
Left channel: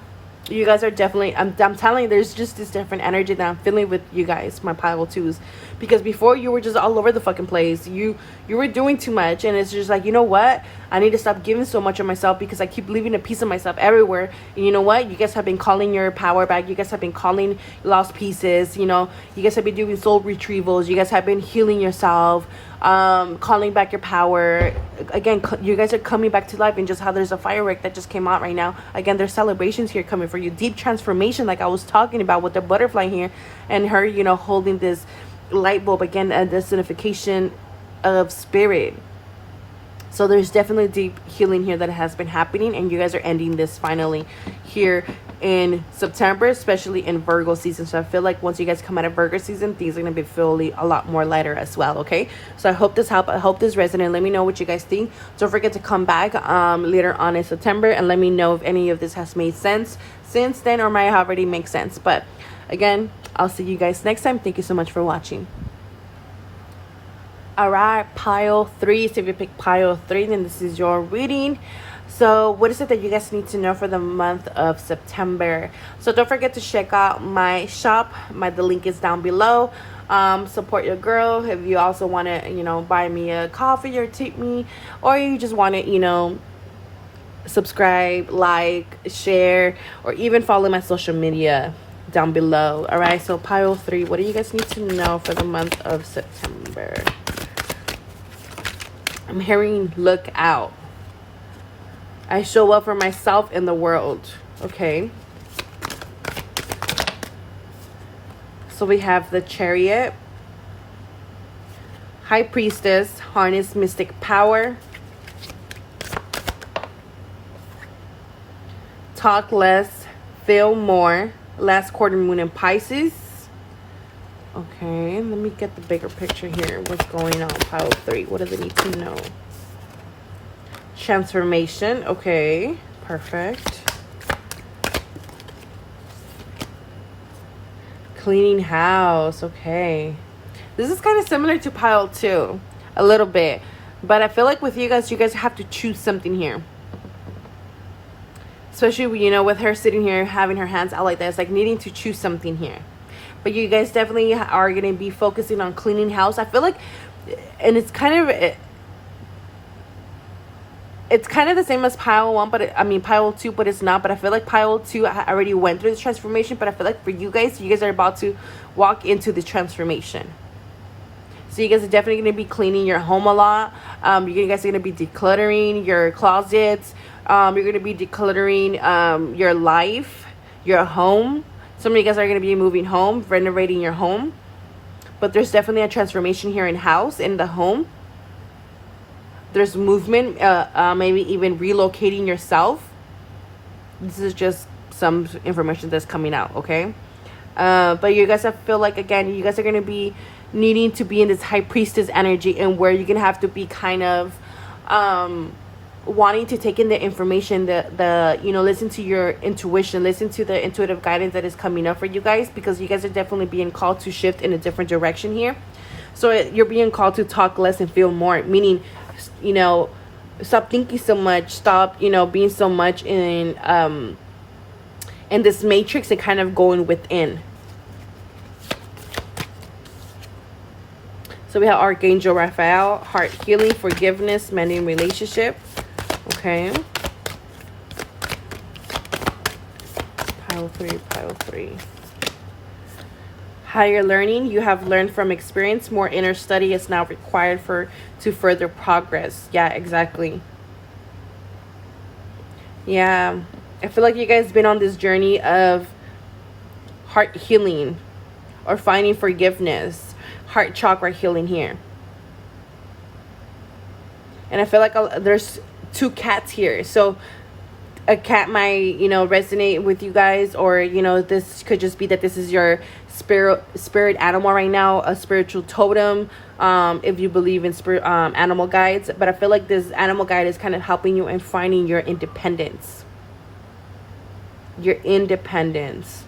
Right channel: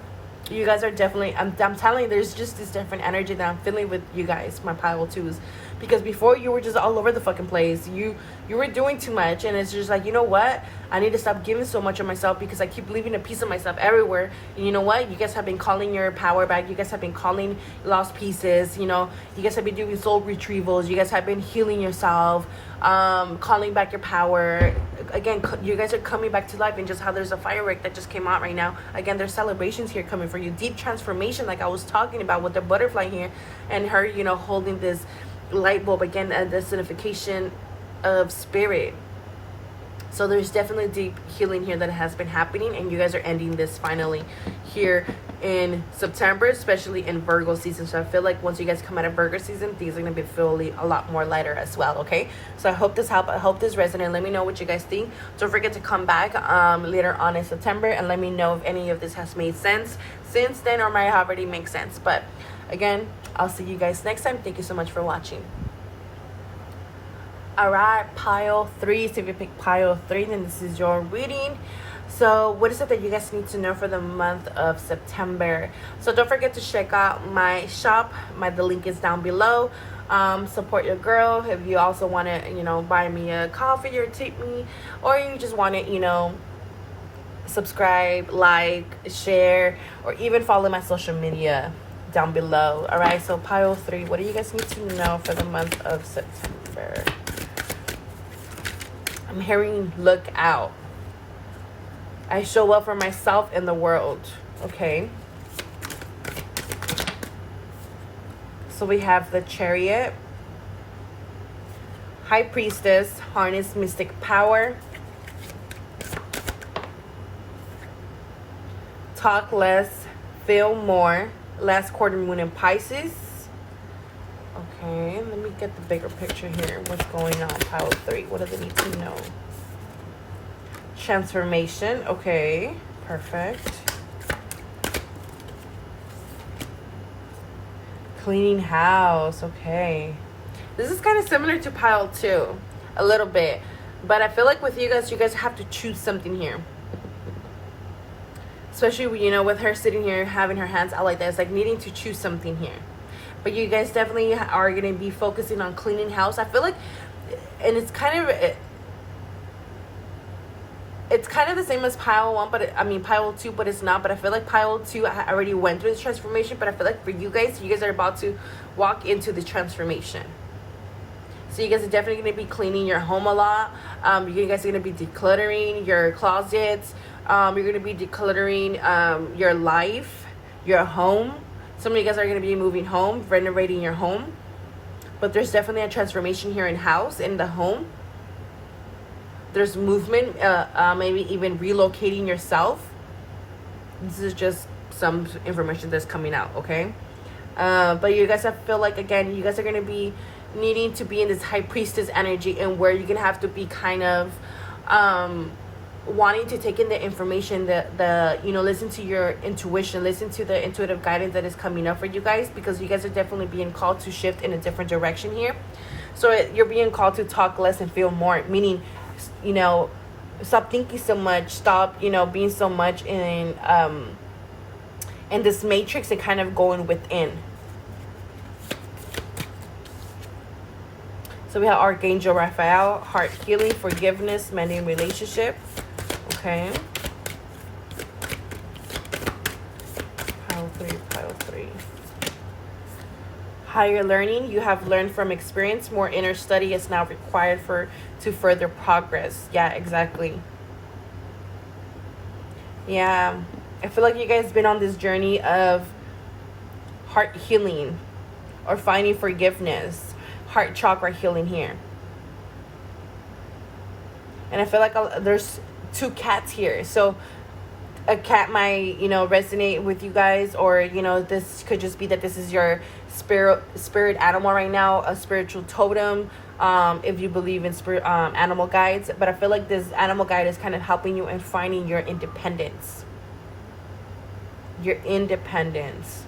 You guys are definitely, I'm telling you, there's just this different energy that I'm feeling with you guys, my pile twos. Because before, you were just all over the fucking place. You were doing too much, and it's just like, you know what? I need to stop giving so much of myself because I keep leaving a piece of myself everywhere. And you know what? You guys have been calling your power back. You guys have been calling lost pieces. You know, you guys have been doing soul retrievals. You guys have been healing yourself, calling back your power. Again, you guys are coming back to life, and just how there's a firework that just came out right now. Again, there's celebrations here coming for you. Deep transformation, like I was talking about with the butterfly here, and her, you know, holding this light bulb. Again, the signification of spirit. So there's definitely deep healing here that has been happening, and you guys are ending this finally here in September, especially in Virgo season. So I feel like once you guys come out of Virgo season, things are going to be feeling a lot more lighter as well, okay? So I hope this helped. I hope this resonated. Let me know what you guys think. Don't forget to come back later on in September and let me know if any of this has made sense since then, or might have already make sense. But again, I'll see you guys next time. Thank you so much for watching. All right, pile 3. So if you pick pile 3, then this is your reading. So what is it that you guys need to know for the month of September? So don't forget to check out my shop. The link is down below. Support your girl. If you also want to, you know, buy me a coffee or tip me, or you just want to, you know, subscribe, like, share, or even follow my social media down below. All right, so pile 3, what do you guys need to know for the month of September? I'm hearing look out. I show up for myself in the world. Okay, so we have the Chariot, High Priestess, harness mystic power, talk less, feel more, last quarter moon in Pisces. Okay, let me get the bigger picture here. What's going on? Pile 3. What do they need to know? Transformation. Okay, perfect. Cleaning house. Okay. This is kind of similar to pile 2. A little bit. But I feel like with you guys have to choose something here. Especially, you know, with her sitting here having her hands out like that. It's like needing to choose something here. But you guys definitely are going to be focusing on cleaning house. I feel like, and it's kind of, it's kind of the same as pile 1, but pile 2, but it's not. But I feel like pile 2 already went through the transformation, but I feel like for you guys are about to walk into the transformation. So you guys are definitely going to be cleaning your home a lot. You guys are going to be decluttering your closets. You're going to be decluttering your life, your home. Some of you guys are going to be moving home, renovating your home. But there's definitely a transformation here in the home. There's movement, maybe even relocating yourself. This is just some information that's coming out, okay? But you guys, I feel like, again, you guys are going to be needing to be in this high priestess energy, and where you're going to have to be kind of wanting to take in the information, listen to your intuition, listen to the intuitive guidance that is coming up for you guys, because you guys are definitely being called to shift in a different direction here. So you're being called to talk less and feel more, meaning, stop thinking so much, stop, being so much in this matrix, and kind of going within. So we have Archangel Raphael, heart healing, forgiveness, mending relationship. Okay. Pile 3. Higher learning. You have learned from experience. More inner study is now required to further progress. Yeah, exactly. Yeah. I feel like you guys been on this journey of heart healing or finding forgiveness. Heart chakra healing here. And I feel like there's 2 cats here. So a cat might, resonate with you guys, or, this could just be that this is your spirit animal right now, a spiritual totem, if you believe in spirit animal guides. But I feel like this animal guide is kind of helping you in finding your independence. Your independence.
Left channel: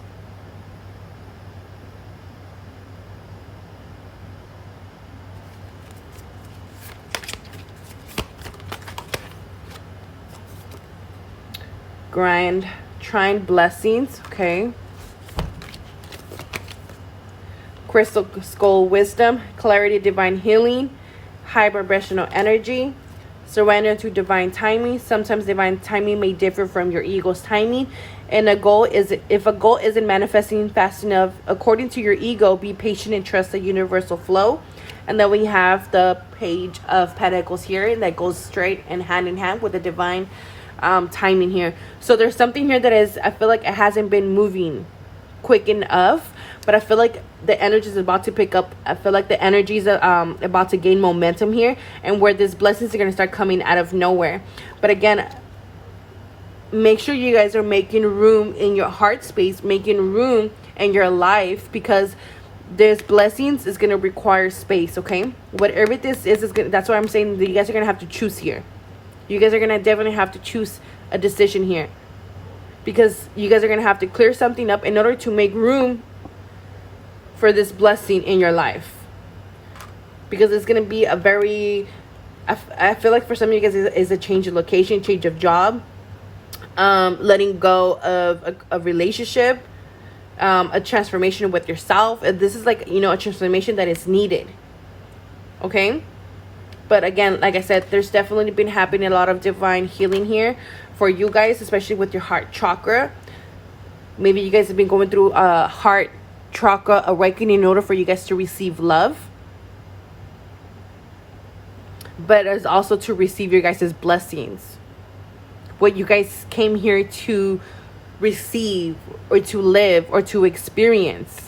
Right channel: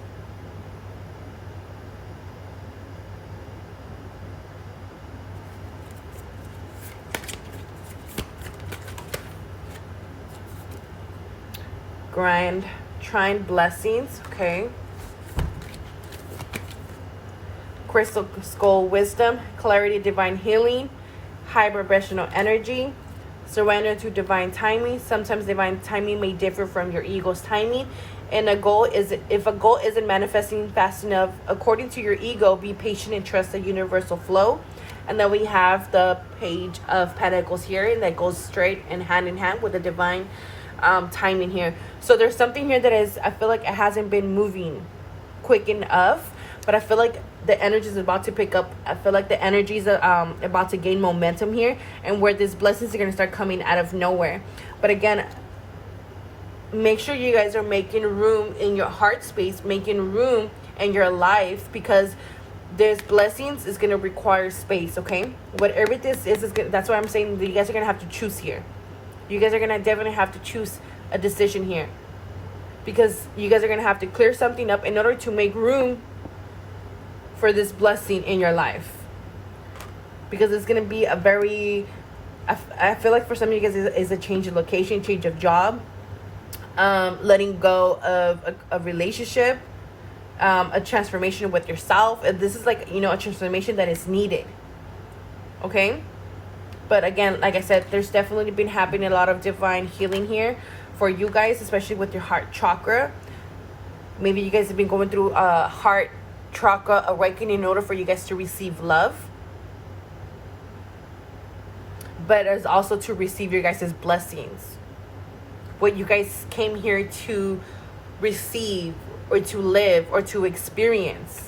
Trine blessings. Okay. Crystal skull wisdom, clarity, divine healing, high vibrational energy, surrender to divine timing. Sometimes divine timing may differ from your ego's timing, and if a goal isn't manifesting fast enough according to your ego, be patient and trust the universal flow. And then we have the Page of Pentacles here that goes straight and hand in hand with the divine timing here. So there's something here that I feel like it hasn't been moving quick enough, but I feel like the energy is about to pick up. I feel like the energy is about to gain momentum here, and where these blessings are going to start coming out of nowhere. But again, make sure you guys are making room in your heart space, making room in your life, because there's blessings is going to require space. Okay, whatever this is that's why I'm saying that you guys are going to have to choose here. You guys are going to definitely have to choose a decision here, because you guys are going to have to clear something up in order to make room for this blessing in your life. Because it's going to be a very, I feel like for some of you guys is a change of location, change of job, letting go of a relationship, a transformation with yourself. This is like, a transformation that is needed. Okay? But again, like I said, there's definitely been happening a lot of divine healing here for you guys, especially with your heart chakra. Maybe you guys have been going through a heart chakra awakening in order for you guys to receive love. But it's also to receive your guys' blessings. What you guys came here to receive, or to live, or to experience.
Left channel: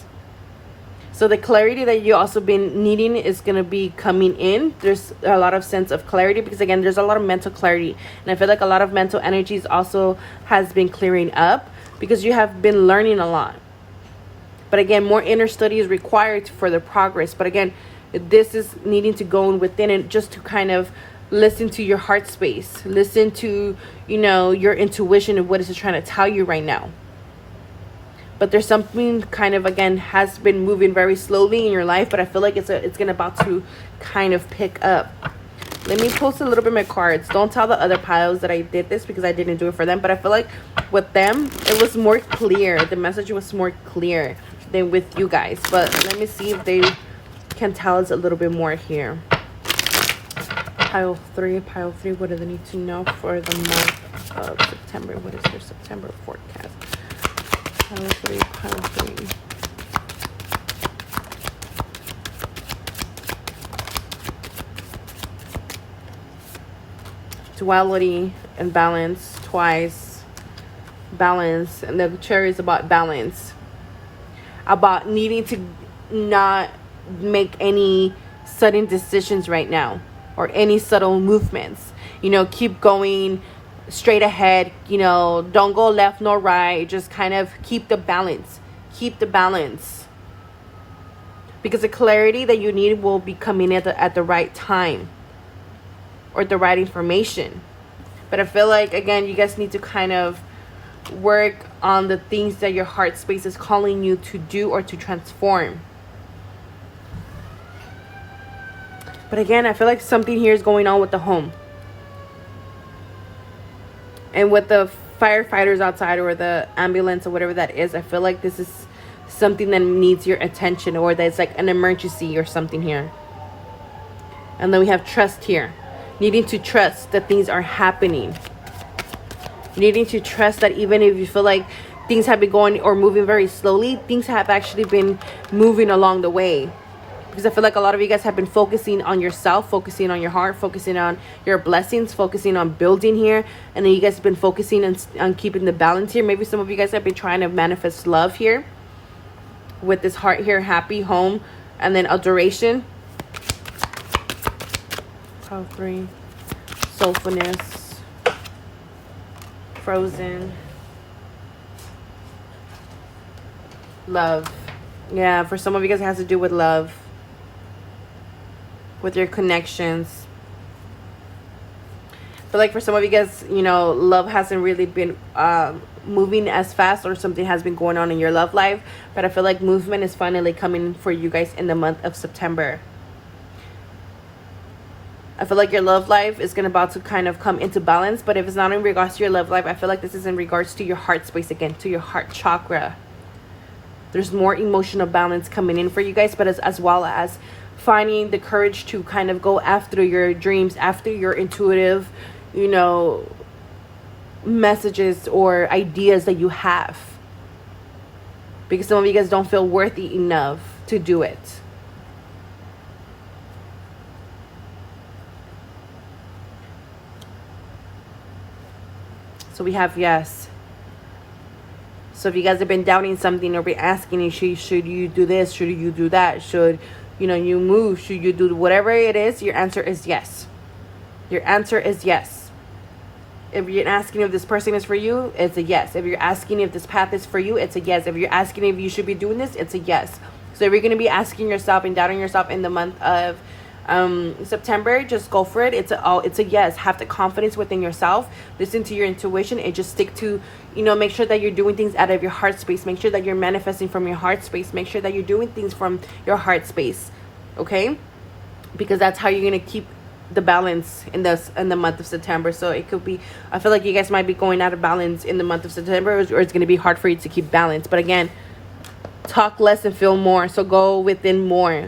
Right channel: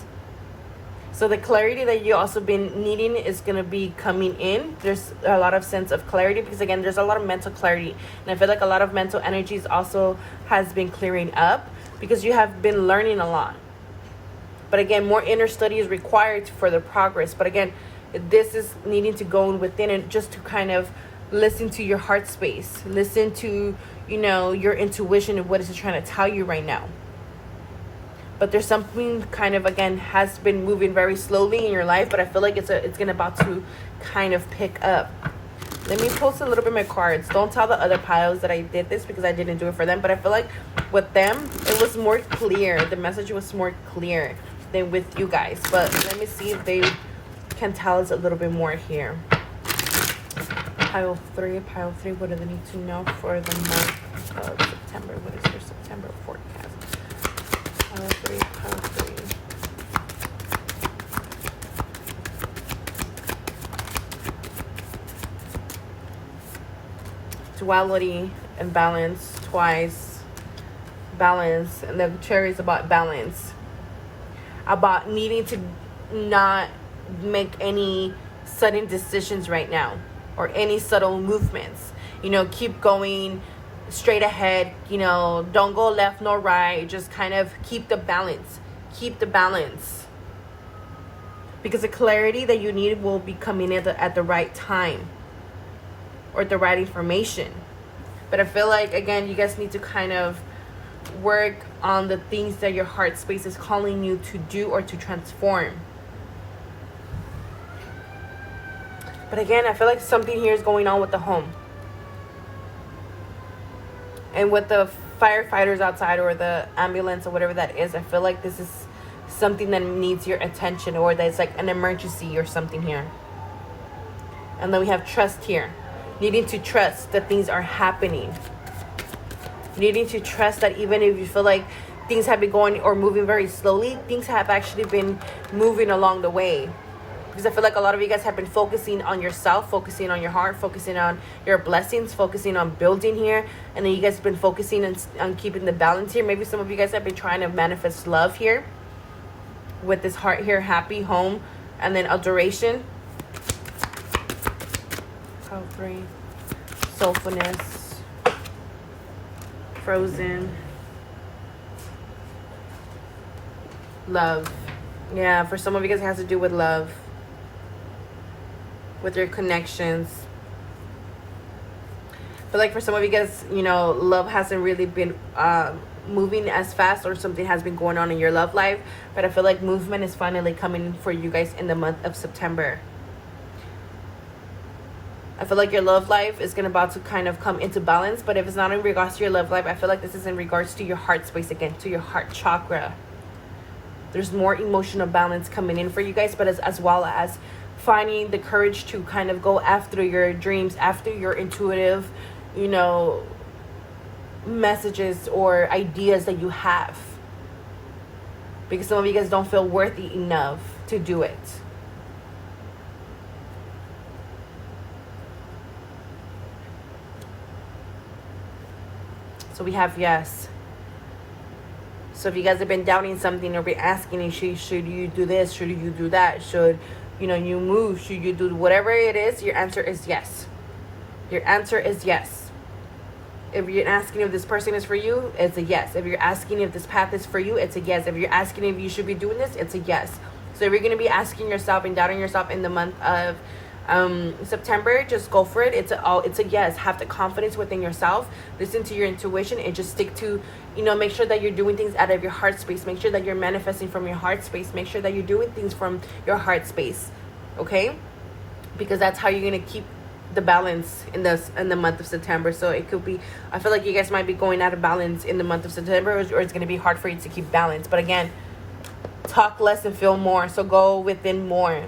So the clarity that you also been needing is going to be coming in. There's a lot of sense of clarity, because again, there's a lot of mental clarity. And I feel like a lot of mental energies also has been clearing up, because you have been learning a lot. But again, more inner study is required for the progress. But again, this is needing to go in within, and just to kind of listen to your heart space. Listen to, your intuition and what is it trying to tell you right now. But there's something kind of, again, has been moving very slowly in your life, but I feel like it's gonna about to kind of pick up. Let me post a little bit of my cards. Don't tell the other piles that I did this, because I didn't do it for them. But I feel like with them, it was more clear. The message was more clear than with you guys. But let me see if they can tell us a little bit more here. Pile 3, what do they need to know for the month of September? What is your September forecast? Pile 3, pile 3. Duality and balance twice. Balance. And the cherry is about balance. About needing to not make any sudden decisions right now. Or any subtle movements. You know, keep going straight ahead. You know, don't go left nor right. Just kind of keep the balance. Keep the balance. Because the clarity that you need will be coming at the right time. Or the right information. But I feel like, again, you guys need to kind of work on the things that your heart space is calling you to do or to transform. But again, I feel like something here is going on with the home. And with the firefighters outside or the ambulance or whatever that is, I feel like this is something that needs your attention, or that it's like an emergency or something here. And then we have trust here. Needing to trust that things are happening. Needing to trust that even if you feel like things have been going or moving very slowly, things have actually been moving along the way. Because I feel like a lot of you guys have been focusing on yourself, focusing on your heart, focusing on your blessings, focusing on building here. And then you guys have been focusing on keeping the balance here. Maybe some of you guys have been trying to manifest love here. With this heart here, happy, home, and then adoration. Pile 3. Soulfulness. Frozen. Love. Yeah, for some of you guys it has to do with love. With your connections. But like for some of you guys, you know, love hasn't really been moving as fast, or something has been going on in your love life. But I feel like movement is finally coming for you guys in the month of September. I feel like your love life is about to kind of come into balance. But if it's not in regards to your love life, I feel like this is in regards to your heart space again, to your heart chakra. There's more emotional balance coming in for you guys, but as well as finding the courage to kind of go after your dreams, after your intuitive, you know, messages or ideas that you have. Because some of you guys don't feel worthy enough to do it. So we have yes. So if you guys have been doubting something or be asking you, should you do this? Should you do that? Should, you know, you move? Should you do whatever it is? Your answer is yes. Your answer is yes. If you're asking if this person is for you, it's a yes. If you're asking if this path is for you, it's a yes. If you're asking if you should be doing this, it's a yes. So if you're going to be asking yourself and doubting yourself in the month of September, just go for it. It's a yes. Have the confidence within yourself. Listen to your intuition and just stick to, you know, make sure that you're doing things out of your heart space. Make sure that you're manifesting from your heart space. Make sure that you're doing things from your heart space. Okay? Because that's how you're going to keep the balance in the month of September. So it could be, I feel like you guys might be going out of balance in the month of September, or it's going to be hard for you to keep balance. But again, talk less and feel more. So go within more.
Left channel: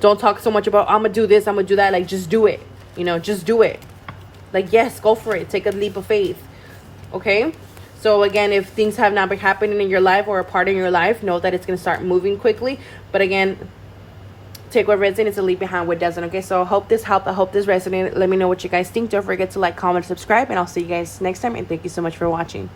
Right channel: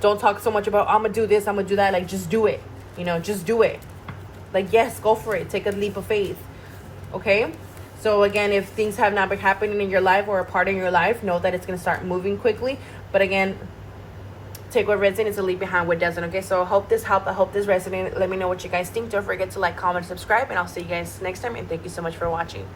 Don't talk so much about, I'm gonna do this, I'm gonna do that. Like, just do it. You know, just do it. Like, yes, go for it. Take a leap of faith. Okay? So again, if things have not been happening in your life or a part in your life, know that it's gonna start moving quickly. But again, take what resonates and leave behind what doesn't. Okay? So I hope this helped. I hope this resonated. Let me know what you guys think. Don't forget to like, comment, subscribe, and I'll see you guys next time. And thank you so much for watching.